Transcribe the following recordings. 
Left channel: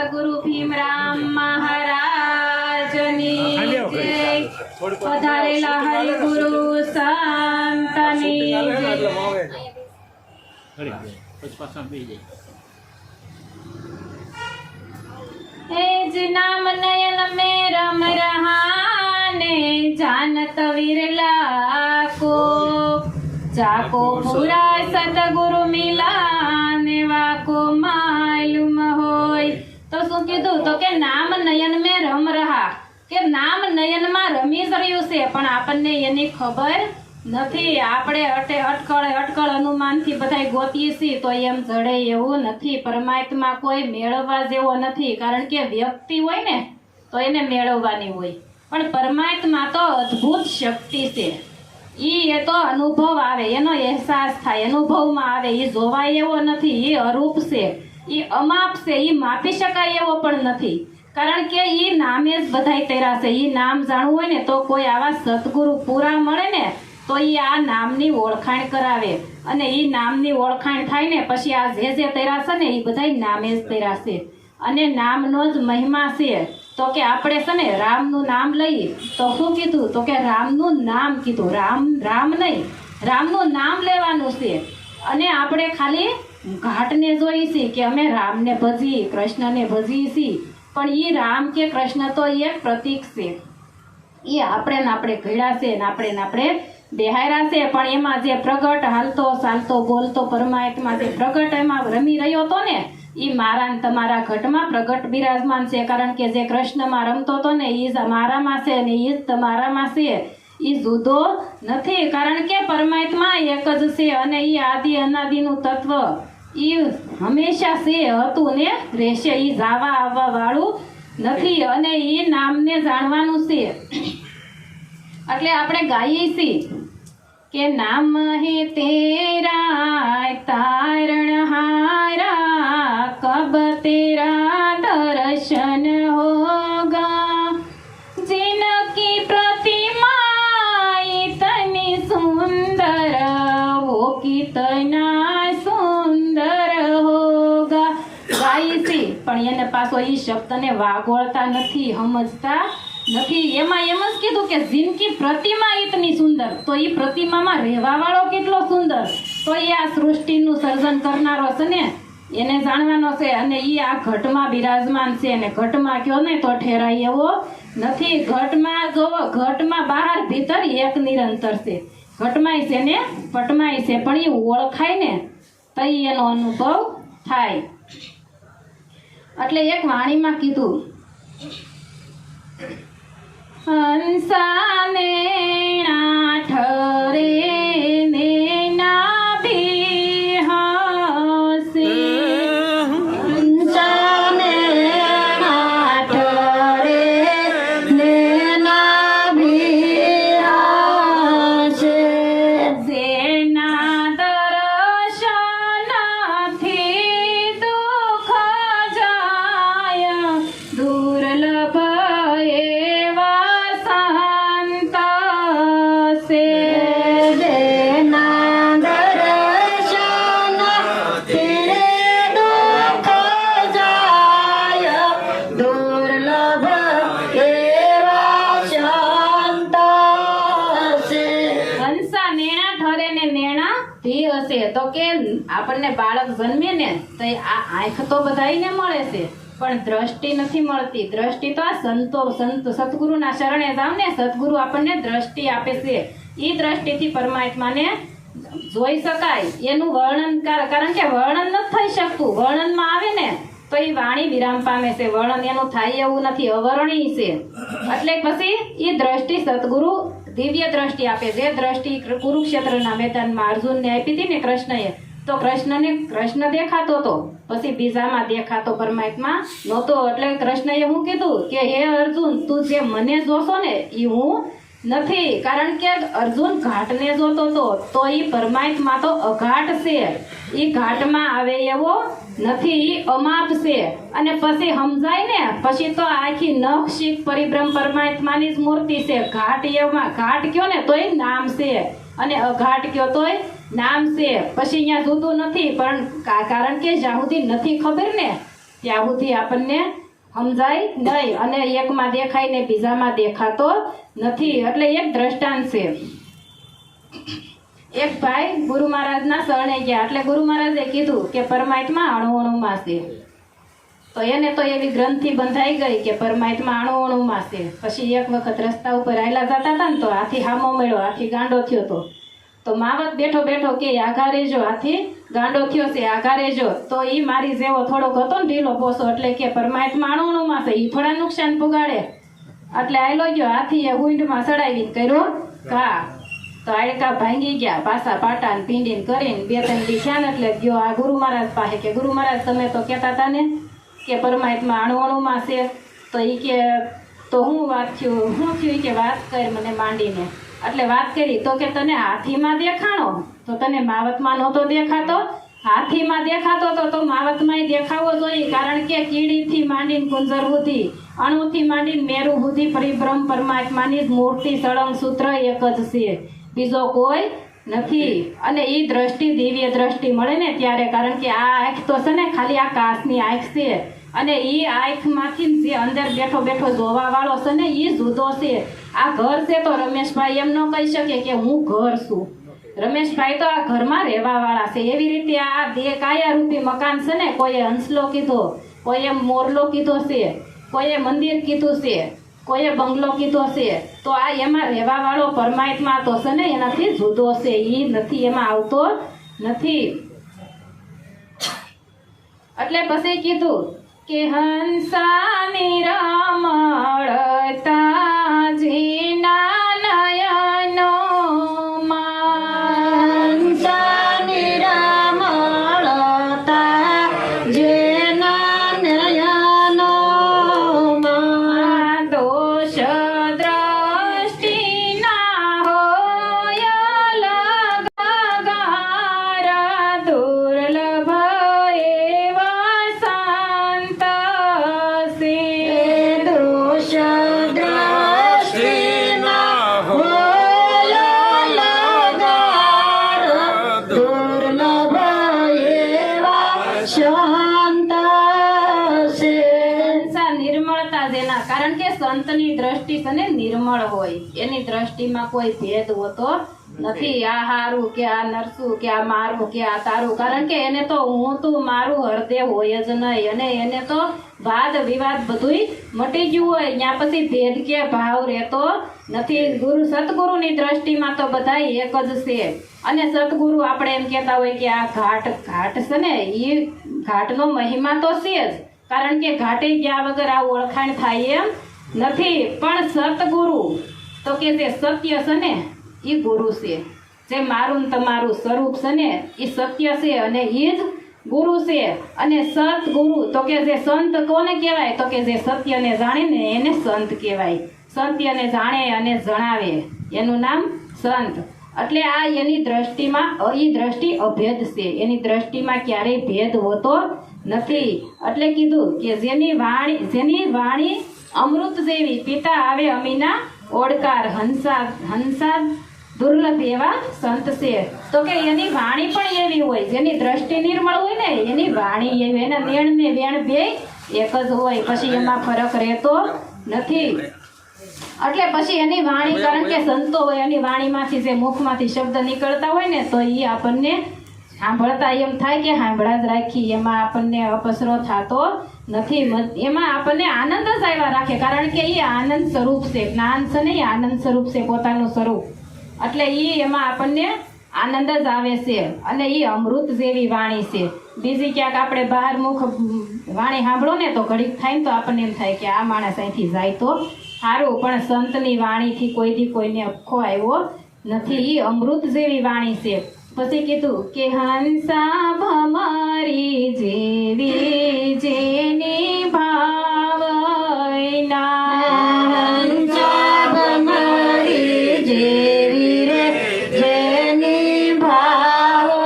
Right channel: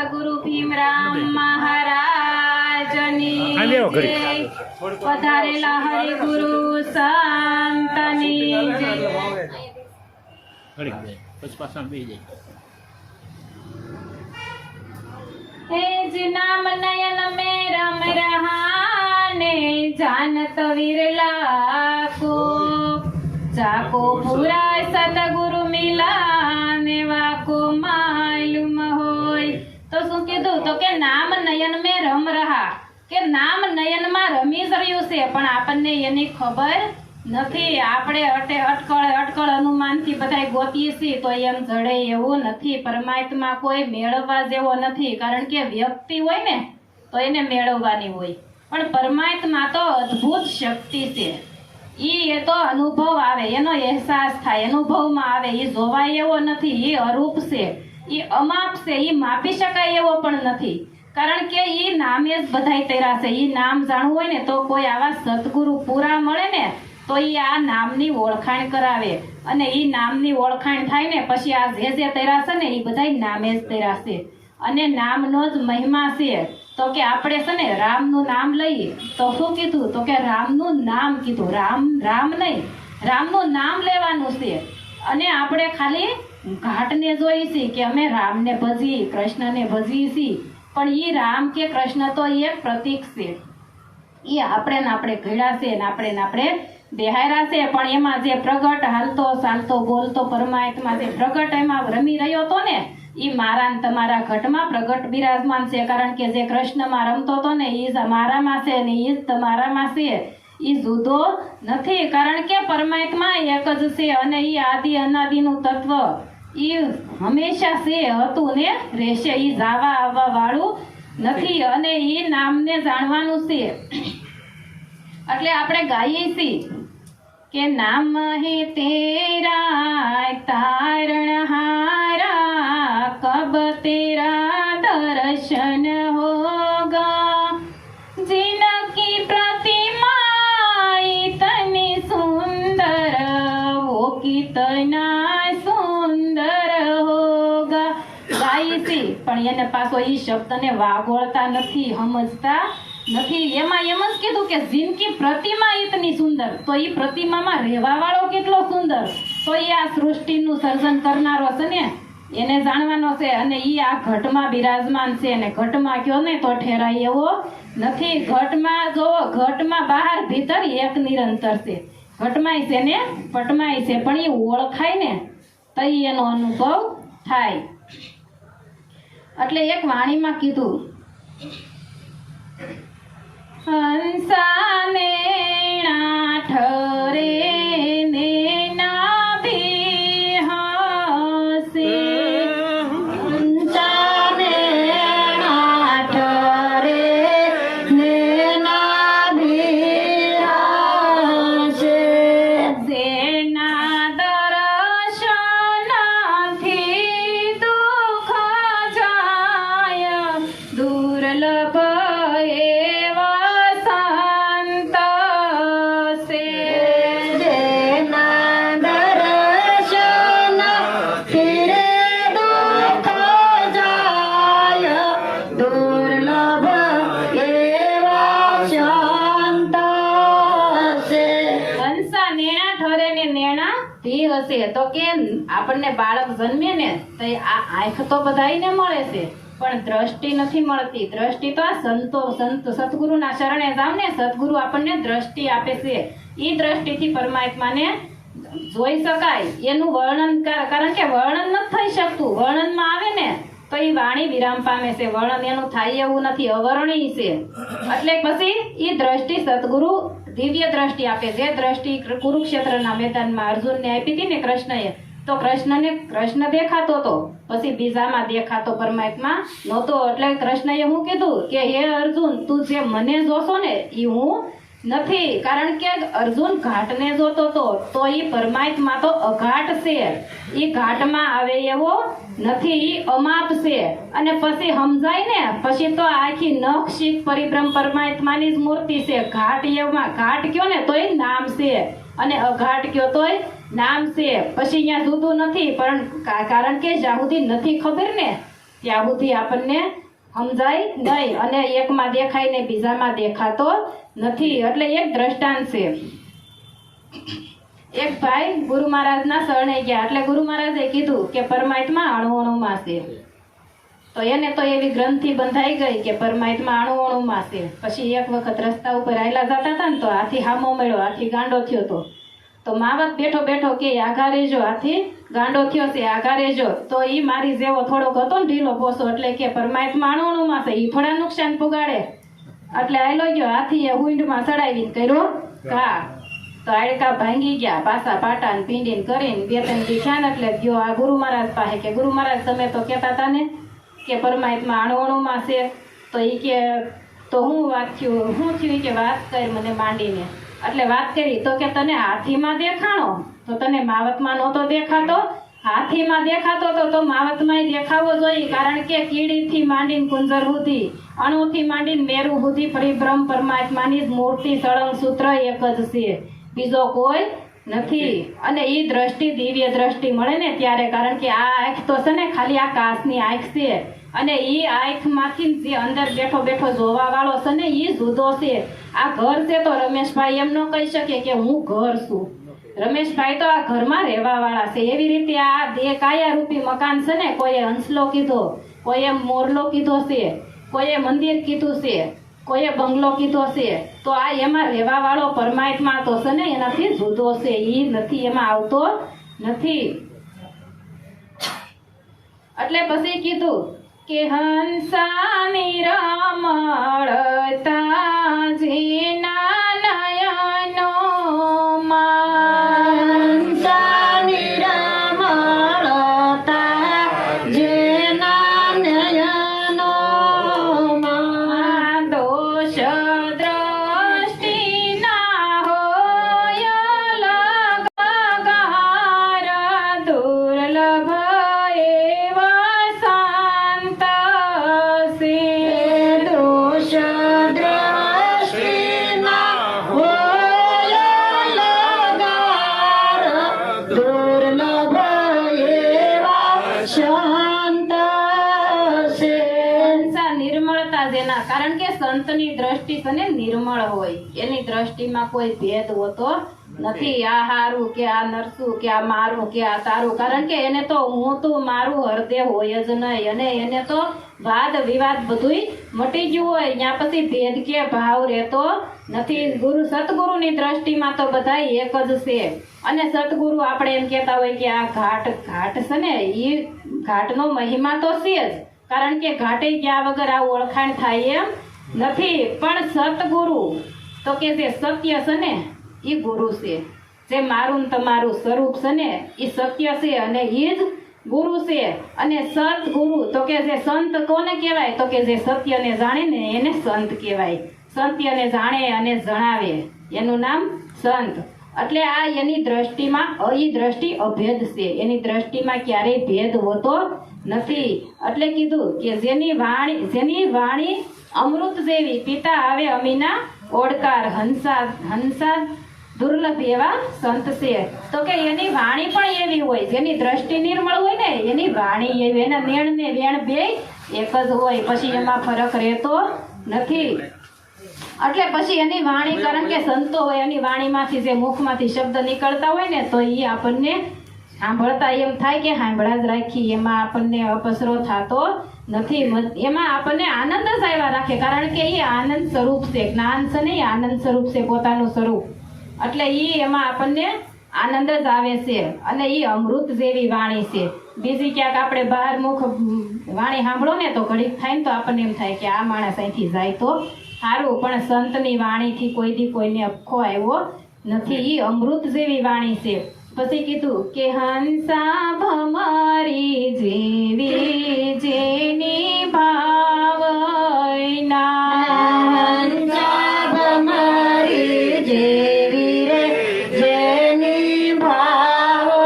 સતગુરુ ભીમરામ મહારાજની જય। પધારેલા હરિગુરુ સંતની જય। हे ज नाम नयन में रम रहाने जानत विरला को जाको पूरा सतगुरु मिला नेवा को मालूम होय। तो શું કીધું તો કે નામ નયન में રમ રહા કે નામ નયન માં રમી રહ્યું છે પણ આપણને એની ખબર નથી। આપણે અટકળ અનુમાનથી બધાય ગોતીએ છીએ તો એમ જડે એવું નથી। પરમાત્મા કોઈ મેળવવા જેવો નથી, કારણ કે વ્યક્તિ હોય ને તો એને મેળવવાની હોય, પણ પરમાત્મા તો અદ્ભુત શક્તિ છે। એ તો અનુભવ આવે, એનો અહેસાસ થાય, અનુભવમાં આવે। એ જોવાય એવો નથી, એ અરૂપ છે, એ અમાપ છે, એ માપી શકાય એવો પણ નથી, કારણ કે એ નામે જ બધાય તેરા છે। એ નામ જાણવું હોય ને તો કોઈ આવા સદગુરુ પૂરા મળે ને તો એ આ નામની ઓળખાણ કરાવે, અને એ નામની ઓળખાણ થાય ને પછી આ જે તેરા છે ને એ બધાય નામે જ તેરા છે। અને નામનો જ મહિમા છે। તો કે આપણે છે ને રામનું નામ લઈએ તો શું કીધું તો કે રામનું નામ કીધું, રામ નહીં, રામનું નામ લેવાનું છે। અને આપણે ખાલી ઘાટને જોઈએ છીએ કે અમે રામને ભજીએ, કૃષ્ણને ભજીએ છીએ, પણ એ રામ કે કૃષ્ણ તો એક પ્રતીક છે। એ આપણે ઘડ્યા છે ને આપણે બેહાયરા છે, પણ એમાં જે પ્રગટ હાલતો ચાલતો બોલતો પરમાત્મા જે પ્રગટ એમાં રમી રહ્યો હતો ને એ મારા ને તમારા ઘટમાં પ્રગટ બિરાજમાન છે। કારણ કે જે કૃષ્ણમાં રમતો હતો ને એ જ મારામાં છે ને એ જ તમારામાં છે, એ જુદો નથી, કારણ કે પરમાત્મા એક જ છે। અને એ આદિ અનાદિનું તત્વ એ હંમેશા છે, હતું ને રહેશે, એ જાવા આવવા વાળું નથી। અને એ નામને જાણવાનું છે, એટલે આપણે ગાઈએ છીએ કે નામ હે તેરા તારણહારા કબ તેરા દર્શન હોગા जिनकी प्रतिमा इतनी सुंदर वो कितना सुंदर होगा। ગાય છે પણ એને પાછો એ શબ્દને વાગોળતા નથી, સમજતા નથી। એમાં એમ જ કીધું કે જિનકી પ્રતિમા ઇતની સુંદર, તો એ પ્રતિમામાં રહેવા વાળો કેટલો સુંદર, તો એ આ સૃષ્ટિનું સર્જન કરનારો છે ને એને જાણવાનો છે। અને એ આ ઘટમાં બિરાજમાન છે, અને ઘટમાં કયો ને તો ઠેરાય એવો નથી। ઘટમાં જોવો, ઘટમાં બહાર ભીતર એક નિરંતર છે, ઘટમાંય છે ને પટમાંય છે, પણ એ ઓળખાય ને તો એનો અનુભવ થાય। એટલે એક વાણીમાં કીધું હંસાને ઠરે ને નાભી હસે, હંસાને ઠરે ને નાભી હસે, જેના દર્શનથી દુઃખ જાય દુર્લભ તો કે આપણને બાળક જન્મે ને તો આ આંખ તો બધાયને મળે છે, પણ દ્રષ્ટિ નથી મળતી। દ્રષ્ટિ તો આ સંત સદગુરુના શરણે જાવ ને, સદગુરુ આપણને દ્રષ્ટિ આપે છે। એ દ્રષ્ટિથી પરમાત્માને જોઈ શકાય, એનું વર્ણન કારણ કે વર્ણન નથી થઈ શકતું। વર્ણનમાં આવે ને તો એ વાણી વિરામ પામે છે, વર્ણન એનું થાય એવું નથી, અવર્ણનીય છે। એટલે પછી એ દ્રષ્ટિ સદગુરુ દિવ્ય દ્રષ્ટિ આપે। જે દ્રષ્ટિ કુરુક્ષેત્રના મેદાનમાં અર્જુનને આપી હતી ને કૃષ્ણએ, તો કૃષ્ણ દેખાતો હતો, પછી બીજામાં દેખાતો પરમાત્મા નહોતો। એટલે કૃષ્ણએ શું કીધું કે હે અર્જુન, તું જે મને જોશો ને એ હું નથી, કારણ કે અર્જુન ઘાટને જોતો હતો, તો એ પરમાત્મા તો અઘાટ છે, એ ઘાટમાં આવે એવો નથી, એ અમાપ છે। અને પછી સમજાય ને પછી તો આખી નખશીક પરિભ્રમ પરમાત્માની જ મૂર્તિ છે। ઘાટ એમાં ઘાટ કયો ને તોય નામ છે, અને અઘાટ કયો તોય નામ છે, પછી અહીંયા જુદું નથી। પણ કારણ કે જ્યાં સુધી નથી ખબર ને ત્યાં સુધી આપણને સમજાય નહીં, અને એકમાં દેખાય ને બીજામાં દેખાતો નથી. એટલે એક દ્રષ્ટાંત છે. એક ભાઈ ગુરુ મહારાજના શરણે ગયા, એટલે ગુરુ મહારાજે કીધું કે પરમાત્મા અણુ અણુમાં છે. તો એને તો એવી ગ્રંથિ બંધાઈ ગઈ કે પરમાત્મા અણુ અણુમાં છે. પછી એક વખત રસ્તા ઉપર હાલ્યા જતા હતા ને તો હાથી હામો મળ્યો, હાથી ગાંડો થયો હતો. તો માવત બેઠો બેઠો કે આઘા રહેજો, હાથી ગાંડો થયો છે, આઘા રહેજો. તો ઈ મારી જેવો થોડોક હતો ને ઢીલો પોસો, એટલે કે પરમાત્મા અણુ અણુમાં છે, ઈ થોડા નુકસાન પુગાડે. એટલે આયલો ગયો, હાથીએ ઊંઢમાં ચડાવીને કર્યો ઘા. તો આડકા ભાંગી ગયા, પાસા પાટા ને પીંડીને કરીને 2-3 દી થયા ને એટલે ગયો આ ગુરુ મહારાજ પાસે કે ગુરુ મહારાજ તમે તો કહેતા હતા ને કે પરમાત્મા અણુ અણુમાં છે. તો ઈ કે તો હું વાત થયું, શું થયું કે વાત કર મને માંડીને. એટલે વાત કરી તો કે તને હાથીમાં દેખાણો, તો તને માવતમાં નહોતો દેખાતો. હાથીમાં દેખાતો તો માવતમાં દેખાવો જોઈએ, કારણ કે કીડીથી માંડીને કુંજર સુધી, અણુથી માંડીને મેરુ સુધી પરિબ્રહ્મ પરમાત્માની મૂર્તિ સળંગ સૂત્ર એક જ છે, બીજો કોઈ નથી. અને ઈ દ્રષ્ટિ દિવ્ય દ્રષ્ટિ મળે ને ત્યારે, કારણ કે આ આંખ તો છે ને ખાલી આ કાચની આંખ છે, અને ઈ આંખમાંથી જે અંદર બેઠો બેઠો જોવા વાળો છે ને ઈ જુદો છે. આ ઘર છે તો રમેશભાઈ એમ ન કહી શકે કે હું ઘર છું. રમેશભાઈ તો આ ઘરમાં રહેવા વાળા છે. એવી રીતે આ કાયા રૂપી મકાન છે ને, કોઈએ હંસલો કીધો, કોઈએ મોરલો કીધો છે, કોઈએ મંદિર કીધું છે, કોઈએ બંગલો કીધો છે. તો આ એમાં રહેવા વાળો પરમાત્મા તો છે ને એનાથી જુદો છે, ઈ નથી, એમાં આવતો નથી. એટલે પછી કીધું કે હંસાની રમણતા જેના નયનોમાં, હંસાની રમણતા જેના નયનોમાં, દોષ દ્રષ્ટિ ના હોય લગાર, દુર્લભ કારણ કે સંતની દ્રષ્ટિ છે ને નિર્મળ હોય, એની દ્રષ્ટિમાં કોઈ ભેદ હોતો નથી. આ હારું કે આ નરસું કે આ મારું કે આ તારું, કારણ કે એને તો હું તું મારું હૃદય હોય જ નહીં, અને એને તો વાદ વિવાદ બધુંય મટી ગયું હોય. ત્યાં પછી ભેદ કે ભાવ રહેતો નથી. સતગુરુની દ્રષ્ટિમાં તો બધા એક જ છે. અને સતગુરુ આપણે એમ કહેતા હોય કે આ ઘાટ છે ને, એ ઘાટનો મહિમા તો છે જ, કારણ કે ઘાટે ગયા વગર આ ઓળખાણ થાય એમ નથી. પણ સતગુરુ તો કે જે સત્ય છે ને એ ગુરુ છે. જે મારું ને તમારું સ્વરૂપ છે ને એ સત્ય છે, અને એ જ ગુરુ છે. અને સતગુરુ તો કે જે સંત કોને કહેવાય, તો કે જે સત્યને જાણે ને એને સંત કહેવાય. સત્યને જાણે અને જણાવે એનું નામ સંત. એટલે આ એની દ્રષ્ટિમાં એ દ્રષ્ટિ અભેદ છે, એની દ્રષ્ટિમાં ક્યારેય ભેદ હોતો નથી. એટલે કીધું કે જેની વાણી અમૃત જેવી, પિતા આવે અમીના ઓડકાર, હંસા દુર્લભ એવા સંત છે. તો કે એની વાણી પણ એવી હોય, જેની દ્રષ્ટિ નિર્મળ હોય ને એની વાણી એવી, એના નેણ ને વેણ બે એક જ હોય, પછી એમાં ફરક રહેતો નથી. એટલે પછી એની વાણી, કારણ કે સંતો હોય એની વાણીમાંથી જે મુખમાંથી શબ્દ નીકળતા હોય ને તો એ આપણને સાંભળતા એમ થાય કે સાંભળા જ રાખી, એમાં આપણને અપસરો થતો નથી. એમાં આપણને આનંદ જ આવ્યા રાખે, કારણ કે એ આનંદ સ્વરૂપ છે. જ્ઞાન છે ને એ આનંદ સ્વરૂપ છે, પોતાનું સ્વરૂપ. એટલે એ એમાં આપણને આનંદ જ આવે છે. અને એ અમૃત જેવી વાણી છે. બીજી ક્યાંક આપણે બહાર મુખ વાણી સાંભળો ને તો ઘડીક થાય ને તો આપણને એમ થાય કે આ માણસ અહીંથી જાય તો સારું, પણ સંતની વાણીથી કોઈને અખો આવ્યો નથી. એ અમૃત જેવી વાણી છે. પછી કીધું કે હંસા ભમરી જેવી જેની ભાવના, હંસા ભમરી જેવી રે જેની ભાવના,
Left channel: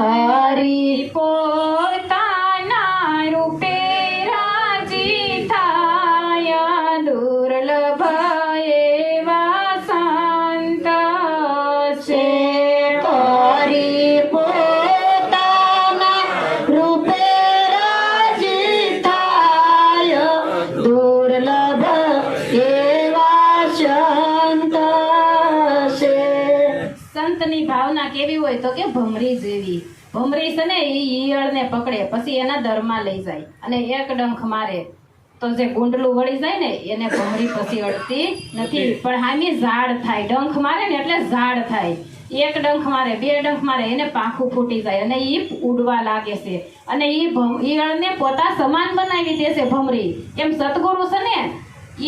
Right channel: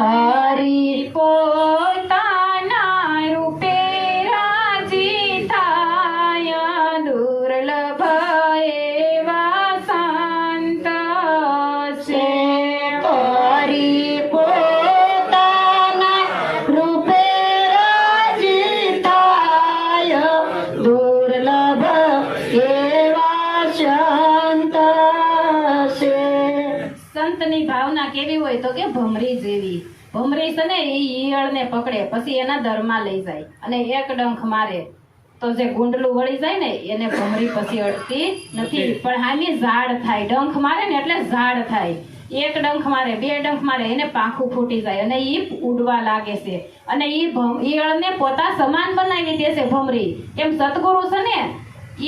હરી પોતાના રૂપે રાજી થાય, દુર્લભ એવા સંત છે. હરી પોતાના કેવી હોય તો કે ભમરી જેવી. ભમરી છે ને એ ઈયળને પકડે પછી એના દરમાં લઈ જાય અને એક ડંખ મારે તો જે ગુંડલું વળી જાય ને એને ભમરી પછી અડતી નથી. પણ હામી ઝાડ થાય, ડંખ મારે ને એટલે ઝાડ થાય. એક ડંખ મારે, બે ડંખ મારે, એને પાંખું ફૂટી જાય અને ઈ ઉડવા લાગે છે અને ઈ ઈયળને પોતા સમાન બનાવી દે છે ભમરી. એમ સતગુરુ છે ને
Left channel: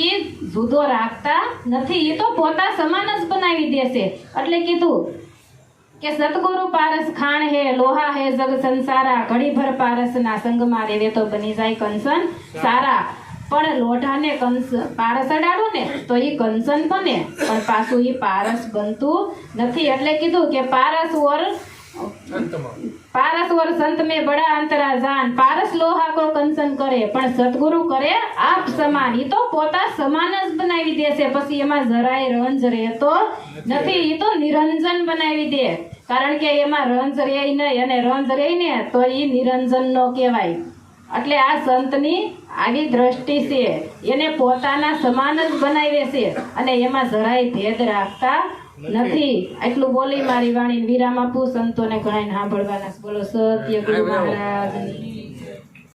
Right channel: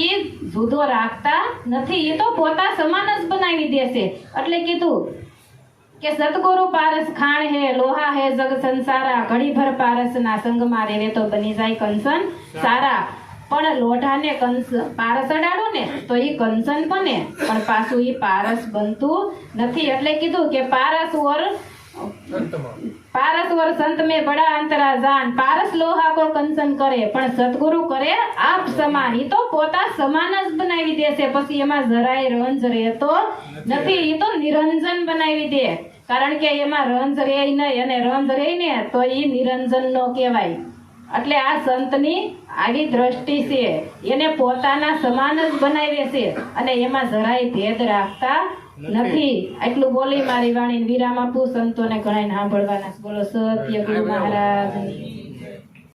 ઈ જુદો રાખતા નથી, ઈ તો પોતા સમાન જ બનાવી દે છે. એટલે કીધું કે સતગુરુ પારસ ખાણ હે, લોહા હે જગ સંસારા, ઘડી ભર પારસ ના સંગમાં રેવે તો બની જાય કંચન સારા. પણ લોઢાને પારસ અડાડો ને તો ઈ કંચન બને, પણ પાછું ઈ પારસ બનતું નથી. એટલે કીધું કે પારસ વર સંત में बड़ा अंतरा जान, पारस लोहा को कंचन करे પણ સતગુરુ કરે આપ સમાન. ઈ તો પોતા સમાન જ બનાવી દે છે, પછી એમાં જરાય રંજ રહેતો નથી. ઈ તો નિરંજન બનાવી દે, કારણ કે એમાં રંજ રહે નહીં અને રંજ રહે ને તો ઈ નિરંજન નો કહેવાય. એટલે આ સંતની આવી દ્રષ્ટિ છે, એને પોતાના સમાન જ બનાવે છે અને એમાં જરાય ભેદ રાખતા નથી. એટલું બોલી મારી વાણી વિરામ આપું. સંતોને ઘણા સાંભળવાના. બોલો સત્ય ગુરુ મહારાજ.